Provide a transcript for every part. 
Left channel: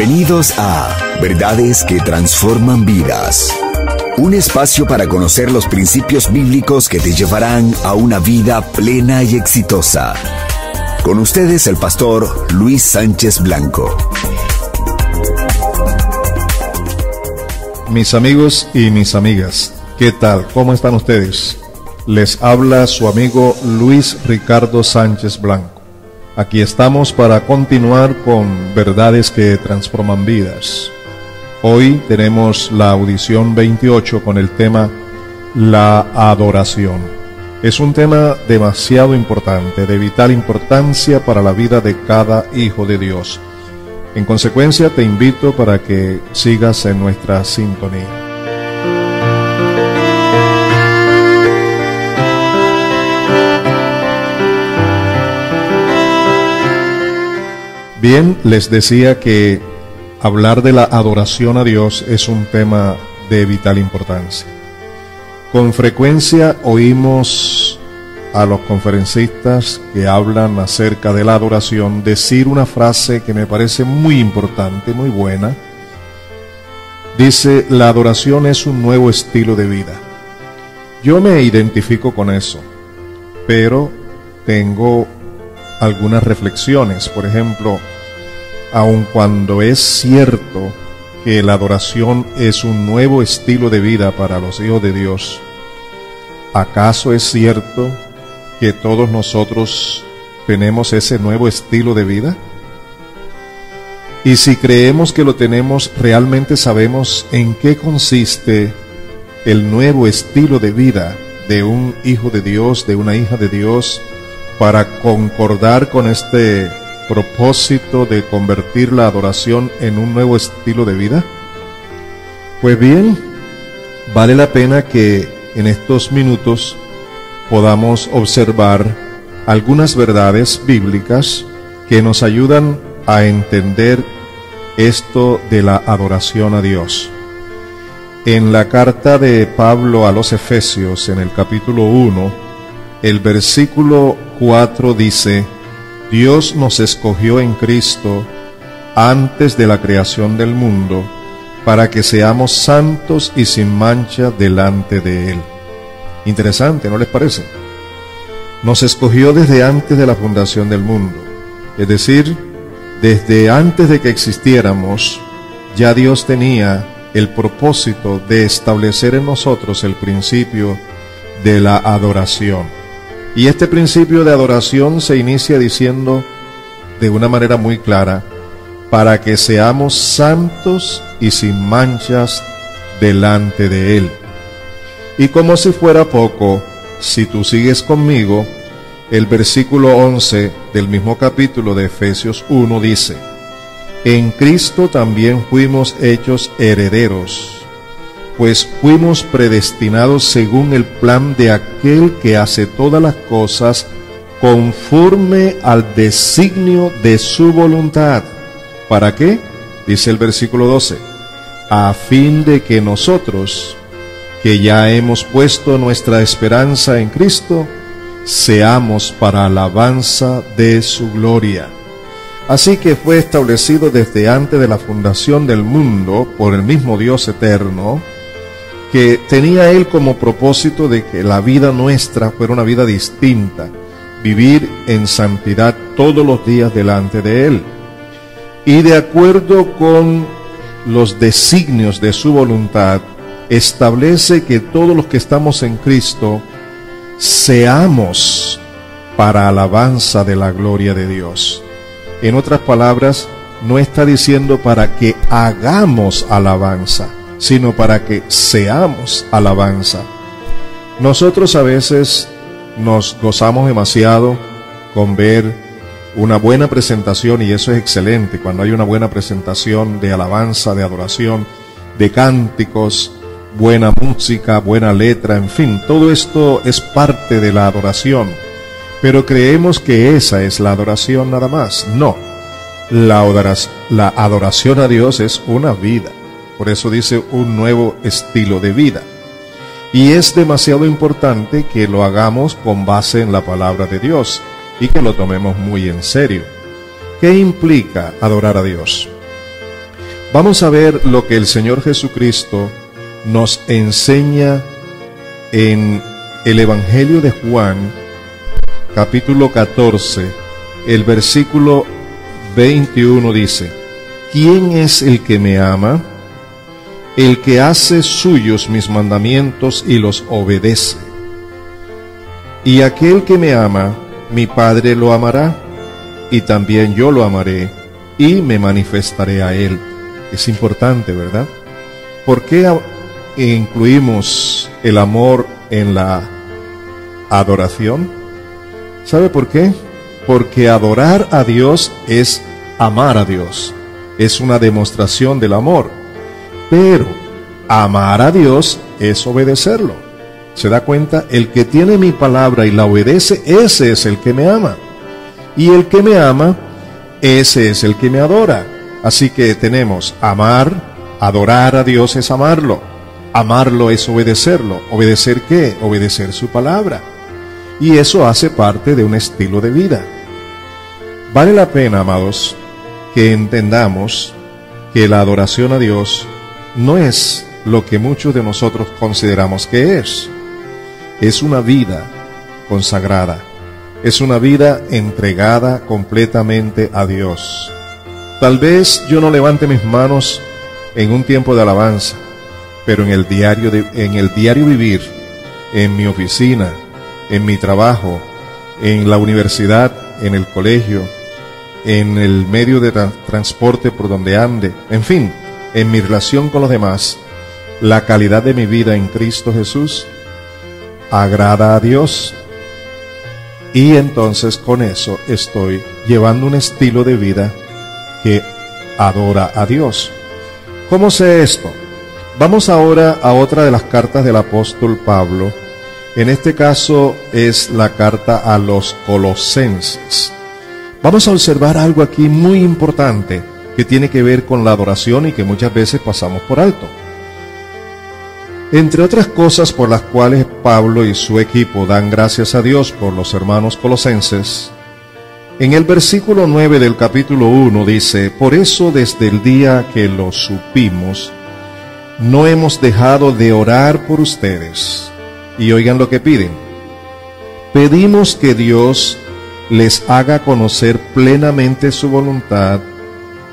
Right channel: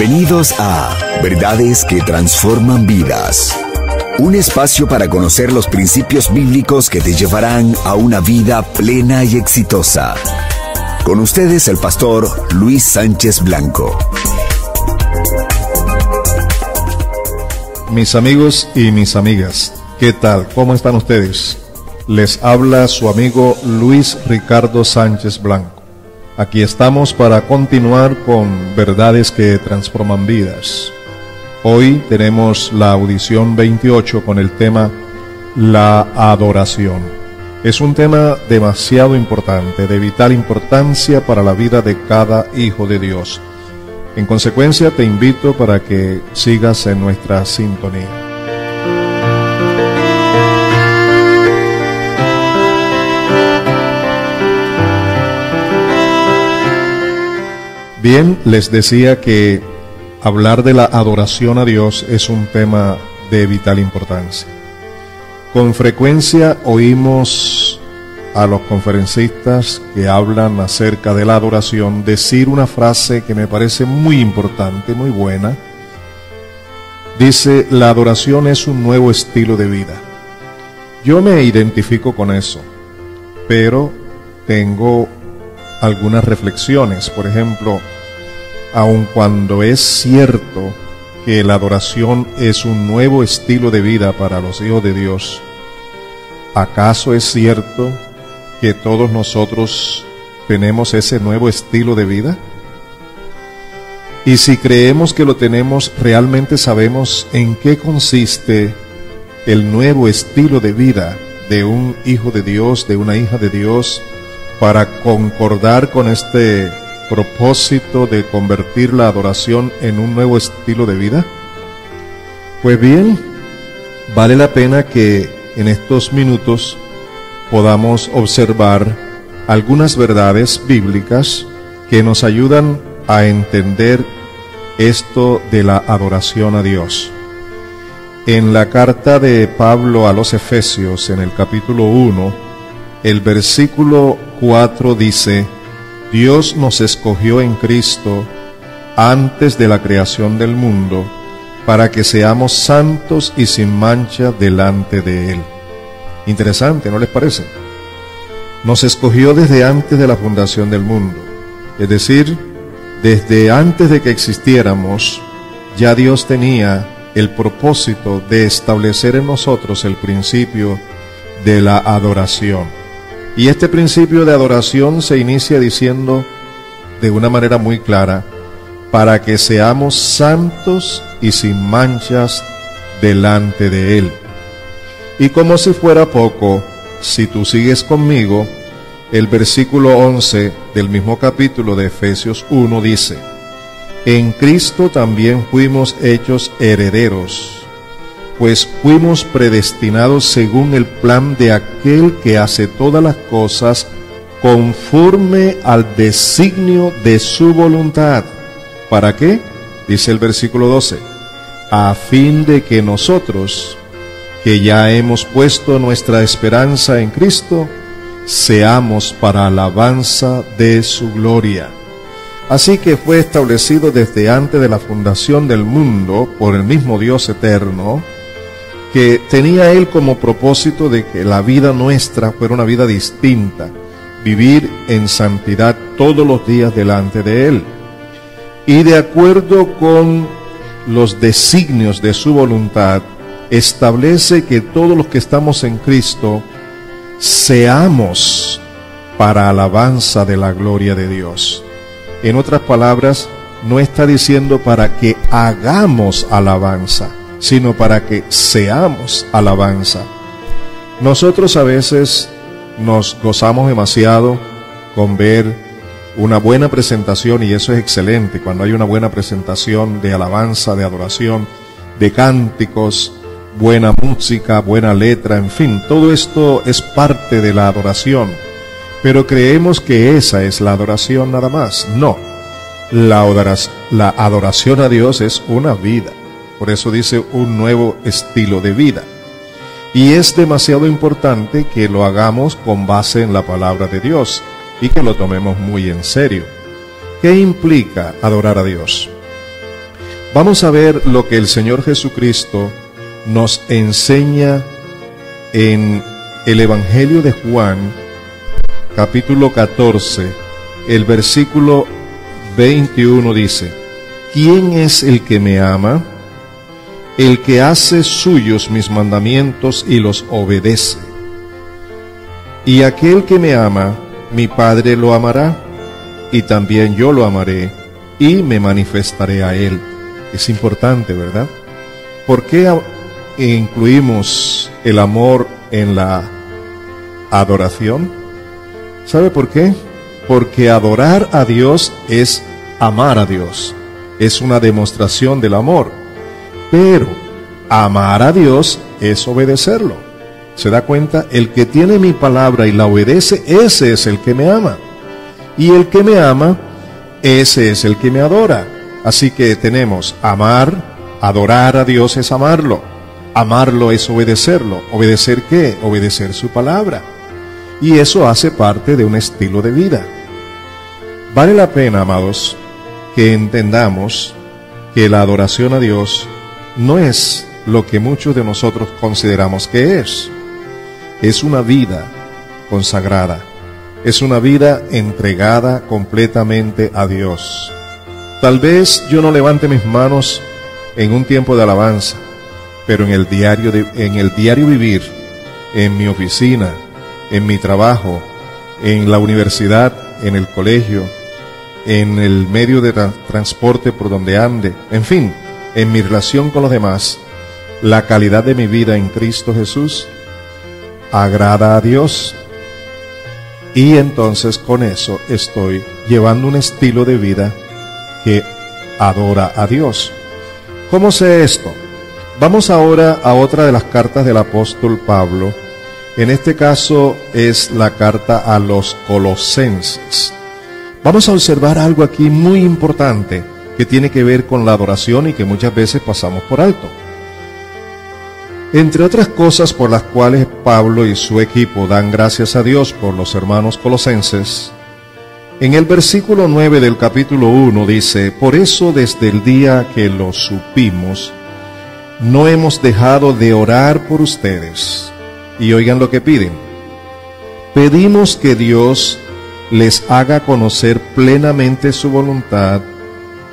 Bienvenidos a Verdades que Transforman Vidas. Un espacio para conocer los principios bíblicos que te llevarán a una vida plena y exitosa. Con ustedes el pastor Luis Sánchez Blanco. Mis amigos y mis amigas, ¿qué tal? ¿Cómo están ustedes? Les habla su amigo Luis Ricardo Sánchez Blanco. Aquí estamos para continuar con Verdades que Transforman Vidas. Hoy tenemos la audición 28 con el tema La adoración. Es un tema demasiado importante, de vital importancia para la vida de cada hijo de Dios. En consecuencia, te invito para que sigas en nuestra sintonía. Bien, les decía que hablar de la adoración a Dios es un tema de vital importancia. Con frecuencia oímos a los conferencistas que hablan acerca de la adoración decir una frase que me parece muy importante, muy buena. Dice, la adoración es un nuevo estilo de vida. Yo me identifico con eso, pero tengo algunas reflexiones. Por ejemplo, aun cuando es cierto que la adoración es un nuevo estilo de vida para los hijos de Dios, ¿acaso es cierto que todos nosotros tenemos ese nuevo estilo de vida? Y si creemos que lo tenemos, ¿realmente sabemos en qué consiste el nuevo estilo de vida de un hijo de Dios, de una hija de Dios, para concordar con este propósito de convertir la adoración en un nuevo estilo de vida? Pues bien, vale la pena que en estos minutos podamos observar algunas verdades bíblicas que nos ayudan a entender esto de la adoración a Dios. En la carta de Pablo a los Efesios, en el capítulo 1, el versículo 4 dice, Dios nos escogió en Cristo antes de la creación del mundo para que seamos santos y sin mancha delante de Él. Interesante, ¿no les parece? Nos escogió desde antes de la fundación del mundo. Es decir, desde antes de que existiéramos, ya Dios tenía el propósito de establecer en nosotros el principio de la adoración. Y este principio de adoración se inicia diciendo de una manera muy clara, para que seamos santos y sin manchas delante de Él. Y como si fuera poco, si tú sigues conmigo, el versículo 11 del mismo capítulo de Efesios 1 dice, en Cristo también fuimos hechos herederos, pues fuimos predestinados según el plan de aquel que hace todas las cosas conforme al designio de su voluntad. ¿Para qué? Dice el versículo 12, a fin de que nosotros, que ya hemos puesto nuestra esperanza en Cristo, seamos para alabanza de su gloria. Así que fue establecido desde antes de la fundación del mundo por el mismo Dios eterno, que tenía Él como propósito de que la vida nuestra fuera una vida distinta, vivir en santidad todos los días delante de Él. Y de acuerdo con los designios de su voluntad, establece que todos los que estamos en Cristo seamos para alabanza de la gloria de Dios. En otras palabras, no está diciendo para que hagamos alabanza, sino para que seamos alabanza. Nosotros a veces nos gozamos demasiado con ver una buena presentación, y eso es excelente, cuando hay una buena presentación de alabanza, de adoración, de cánticos, buena música, buena letra, en fin, todo esto es parte de la adoración. Pero creemos que esa es la adoración nada más. No, la adoración a Dios es una vida. Por eso dice un nuevo estilo de vida. Y es demasiado importante que lo hagamos con base en la palabra de Dios y que lo tomemos muy en serio. ¿Qué implica adorar a Dios? Vamos a ver lo que el Señor Jesucristo nos enseña en el Evangelio de Juan, capítulo 14, el versículo 21 dice: ¿Quién es el que me ama? El que hace suyos mis mandamientos y los obedece. Y aquel que me ama, mi Padre lo amará, y también yo lo amaré, y me manifestaré a él. Es importante, ¿verdad? ¿Por qué incluimos el amor en la adoración? ¿Sabe por qué? Porque adorar a Dios es amar a Dios. Es una demostración del amor. Pero amar a Dios es obedecerlo. ¿Se da cuenta? El que tiene mi palabra y la obedece, ese es el que me ama. Y el que me ama, ese es el que me adora. Así que tenemos amar, adorar a Dios es amarlo. Amarlo es obedecerlo. ¿Obedecer qué? Obedecer su palabra. Y eso hace parte de un estilo de vida. Vale la pena, amados, que entendamos que la adoración a Dios no es lo que muchos de nosotros consideramos que es. Es una vida consagrada. Es una vida entregada completamente a Dios. Tal vez yo no levante mis manos en un tiempo de alabanza, pero en el diario vivir, en mi oficina, en mi trabajo, en la universidad, en el colegio, en el medio de transporte por donde ande, en fin, en mi relación con los demás, la calidad de mi vida en Cristo Jesús agrada a Dios. Y entonces con eso estoy llevando un estilo de vida que adora a Dios. ¿Cómo sé esto? Vamos ahora a otra de las cartas del apóstol Pablo. En este caso es la carta a los Colosenses. Vamos a observar algo aquí muy importante que tiene que ver con la adoración y que muchas veces pasamos por alto. Entre otras cosas por las cuales Pablo y su equipo dan gracias a Dios por los hermanos colosenses, en el versículo 9 del capítulo 1 dice: por eso desde el día que lo supimos, no hemos dejado de orar por ustedes. Y oigan lo que piden: pedimos que Dios les haga conocer plenamente su voluntad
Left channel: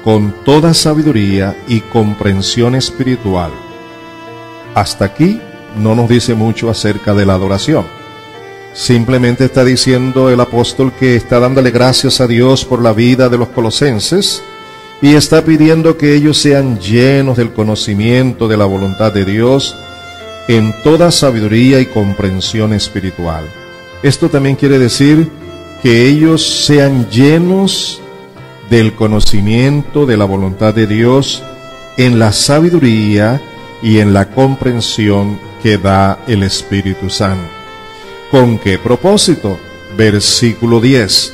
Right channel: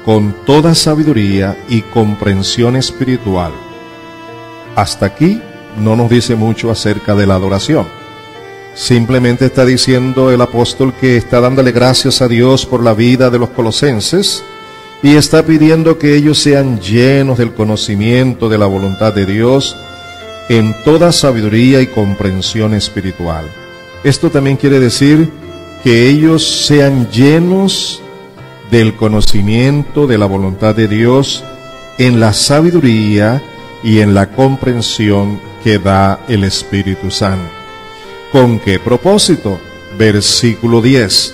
con toda sabiduría y comprensión espiritual. Hasta aquí no nos dice mucho acerca de la adoración. Simplemente está diciendo el apóstol que está dándole gracias a Dios por la vida de los colosenses y está pidiendo que ellos sean llenos del conocimiento de la voluntad de Dios en toda sabiduría y comprensión espiritual. Esto también quiere decir que ellos sean llenos del conocimiento de la voluntad de Dios en la sabiduría y en la comprensión que da el Espíritu Santo. ¿Con qué propósito? Versículo 10.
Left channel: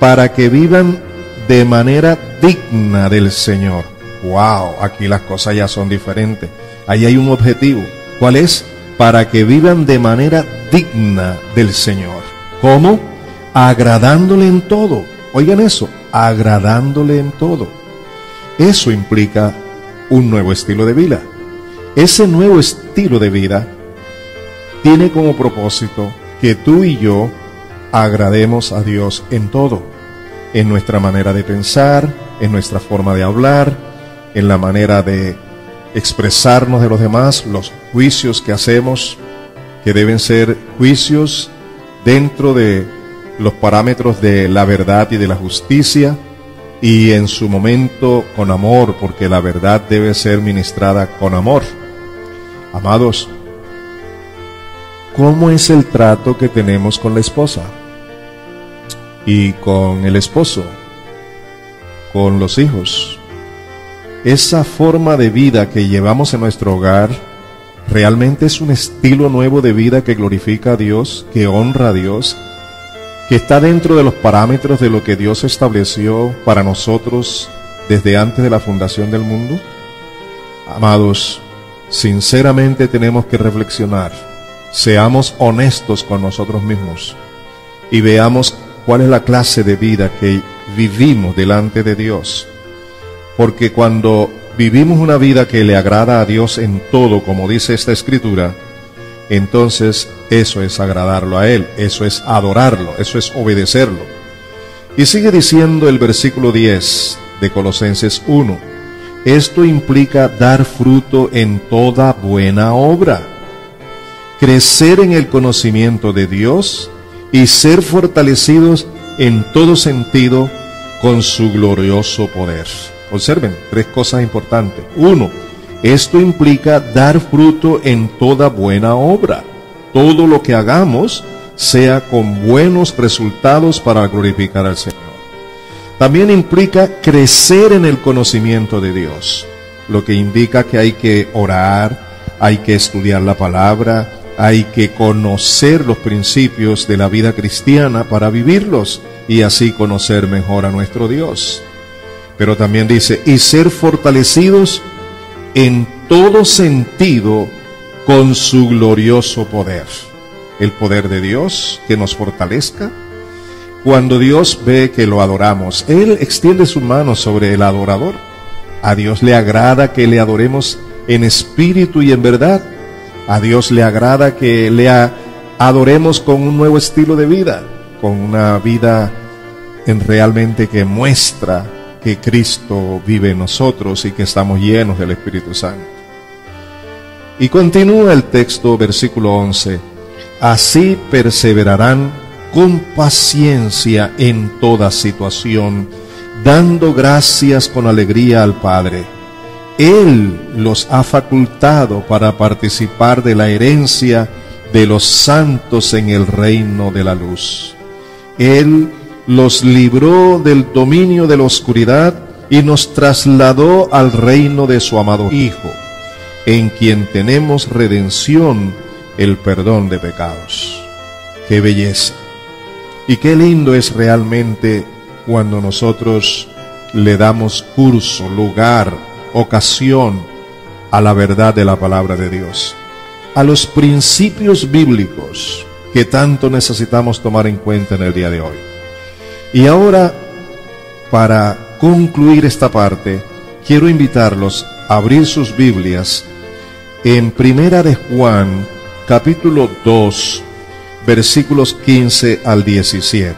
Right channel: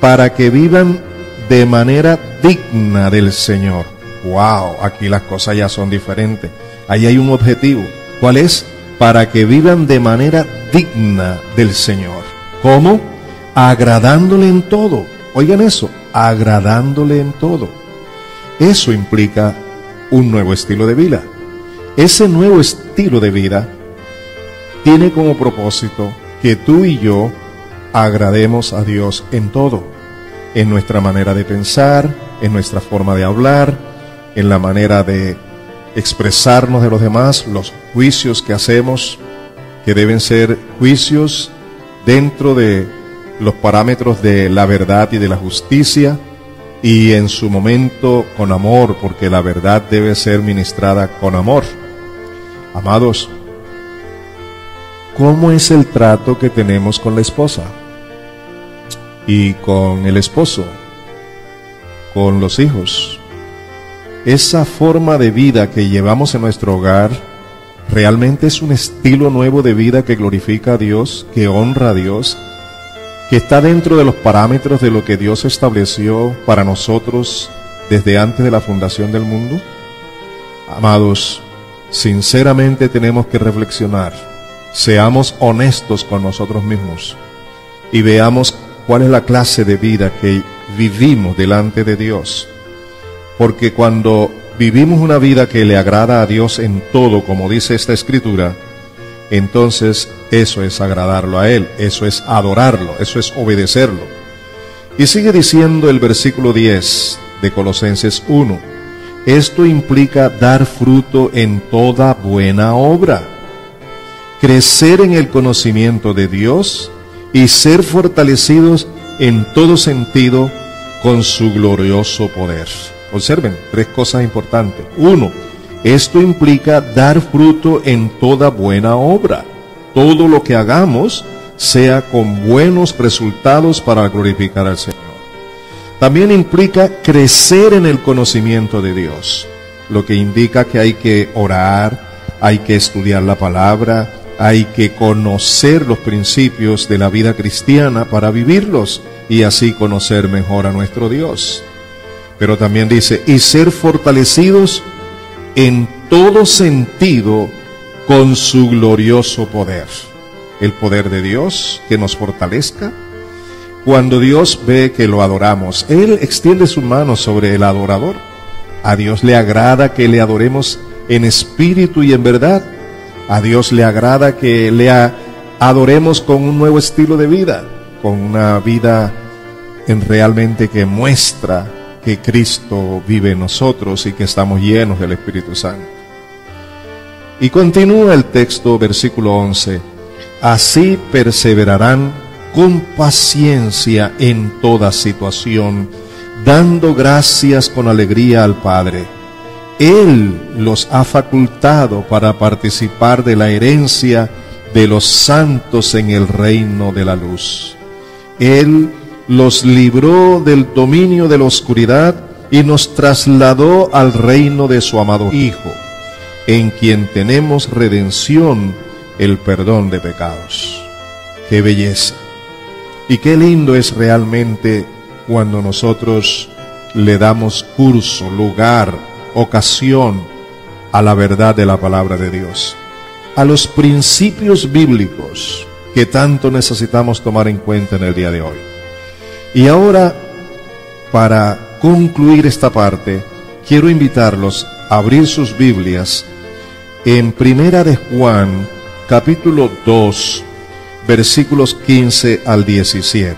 Para que vivan de manera digna del Señor. ¡Wow! Aquí las cosas ya son diferentes. Ahí hay un objetivo. ¿Cuál es? Para que vivan de manera digna del Señor. ¿Cómo? Agradándole en todo. Oigan eso, agradándole en todo. Eso implica un nuevo estilo de vida. Ese nuevo estilo de vida tiene como propósito que tú y yo agrademos a Dios en todo. En nuestra manera de pensar, en nuestra forma de hablar, en la manera de expresarnos de los demás, los juicios que hacemos, que deben ser juicios dentro de los parámetros de la verdad y de la justicia, y en su momento con amor, porque la verdad debe ser ministrada con amor. Amados, ¿cómo es el trato que tenemos con la esposa? Y con el esposo, con los hijos. Esa forma de vida que llevamos en nuestro hogar realmente es un estilo nuevo de vida que glorifica a Dios, que honra a Dios, que está dentro de los parámetros de lo que Dios estableció para nosotros desde antes de la fundación del mundo. Amados, sinceramente tenemos que reflexionar, seamos honestos con nosotros mismos y veamos cuál es la clase de vida que vivimos delante de Dios. Porque cuando vivimos una vida que le agrada a Dios en todo, como dice esta escritura, entonces eso es agradarlo a Él, eso es adorarlo, eso es obedecerlo. Y sigue diciendo el versículo 10 de Colosenses 1, esto implica dar fruto en toda buena obra, crecer en el conocimiento de Dios y ser fortalecidos en todo sentido con su glorioso poder. Observen, 3 cosas importantes. 1, esto implica dar fruto en toda buena obra. Todo lo que hagamos sea con buenos resultados para glorificar al Señor. También implica crecer en el conocimiento de Dios, lo que indica que hay que orar, hay que estudiar la palabra, hay que conocer los principios de la vida cristiana para vivirlos y así conocer mejor a nuestro Dios. Pero también dice, y ser fortalecidos en todo sentido con su glorioso poder. El poder de Dios que nos fortalezca. Cuando Dios ve que lo adoramos, Él extiende su mano sobre el adorador. A Dios le agrada que le adoremos en espíritu y en verdad. A Dios le agrada que le adoremos con un nuevo estilo de vida, con una vida realmente que muestra que Cristo vive en nosotros y que estamos llenos del Espíritu Santo. Y continúa el texto, versículo 11, así perseverarán con paciencia en toda situación, dando gracias con alegría al Padre. Él los ha facultado para participar de la herencia de los santos en el reino de la luz. Él los libró del dominio de la oscuridad y nos trasladó al reino de su amado Hijo, en quien tenemos redención, el perdón de pecados. ¡Qué belleza! Y qué lindo es realmente cuando nosotros le damos curso, lugar, ocasión a la verdad de la palabra de Dios, a los principios bíblicos que tanto necesitamos tomar en cuenta en el día de hoy. Y ahora, para concluir esta parte, quiero invitarlos a abrir sus Biblias en Primera de Juan, capítulo 2, versículos 15 al 17.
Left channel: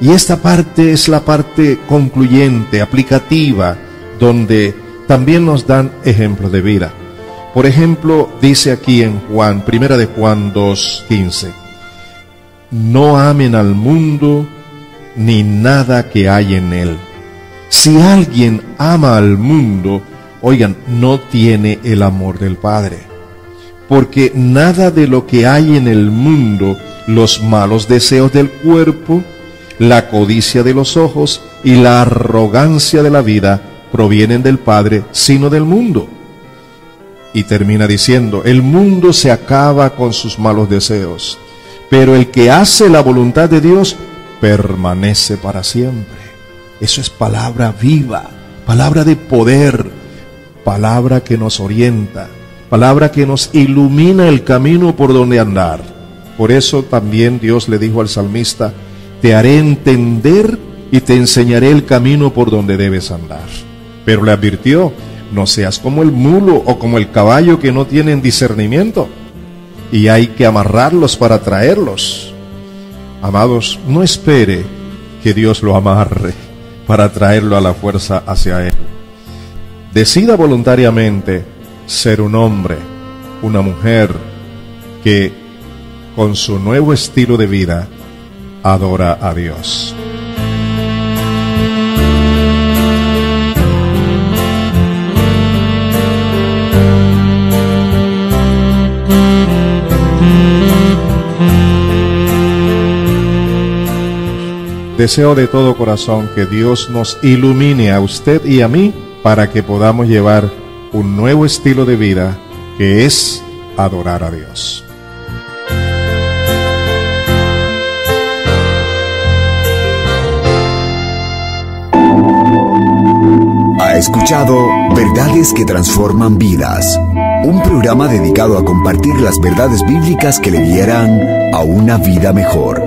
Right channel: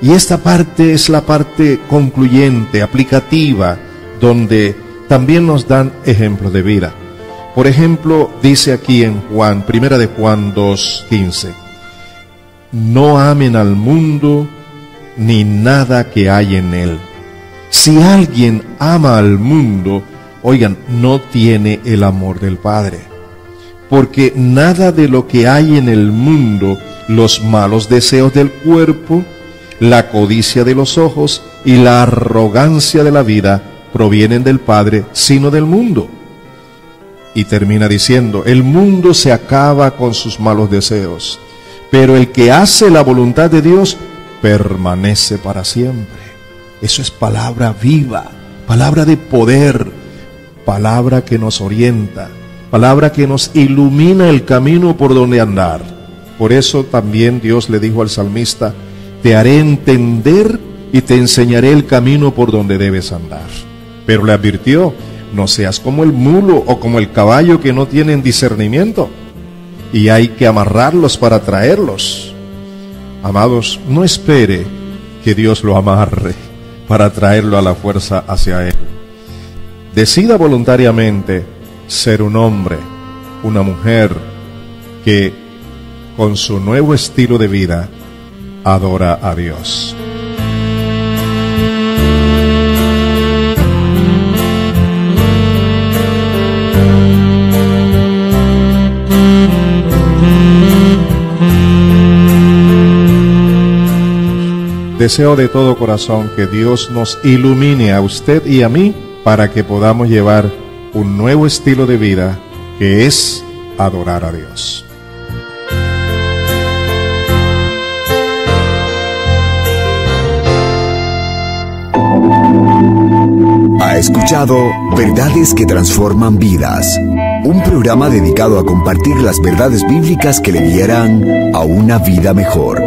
Y esta parte es la parte concluyente, aplicativa, donde también nos dan ejemplos de vida. Por ejemplo, dice aquí en Juan, Primera de Juan 2:15, no amen al mundo ni nada que hay en él. Si alguien ama al mundo, oigan, no tiene el amor del Padre. Porque nada de lo que hay en el mundo, los malos deseos del cuerpo, la codicia de los ojos y la arrogancia de la vida, provienen del Padre, sino del mundo. Y termina diciendo, el mundo se acaba con sus malos deseos, pero el que hace la voluntad de Dios permanece para siempre. Eso es palabra viva, palabra de poder, palabra que nos orienta, palabra que nos ilumina el camino por donde andar. Por eso también Dios le dijo al salmista, te haré entender y te enseñaré el camino por donde debes andar. Pero le advirtió, no seas como el mulo o como el caballo que no tienen discernimiento, y hay que amarrarlos para traerlos. Amados, no espere que Dios lo amarre para traerlo a la fuerza hacia Él. Decida voluntariamente ser un hombre, una mujer que con su nuevo estilo de vida adora a Dios. Deseo de todo corazón que Dios nos ilumine a usted y a mí para que podamos llevar un nuevo estilo de vida que es adorar a Dios. Ha escuchado Verdades que Transforman Vidas, un programa dedicado a compartir las verdades bíblicas que le guiarán a una vida mejor.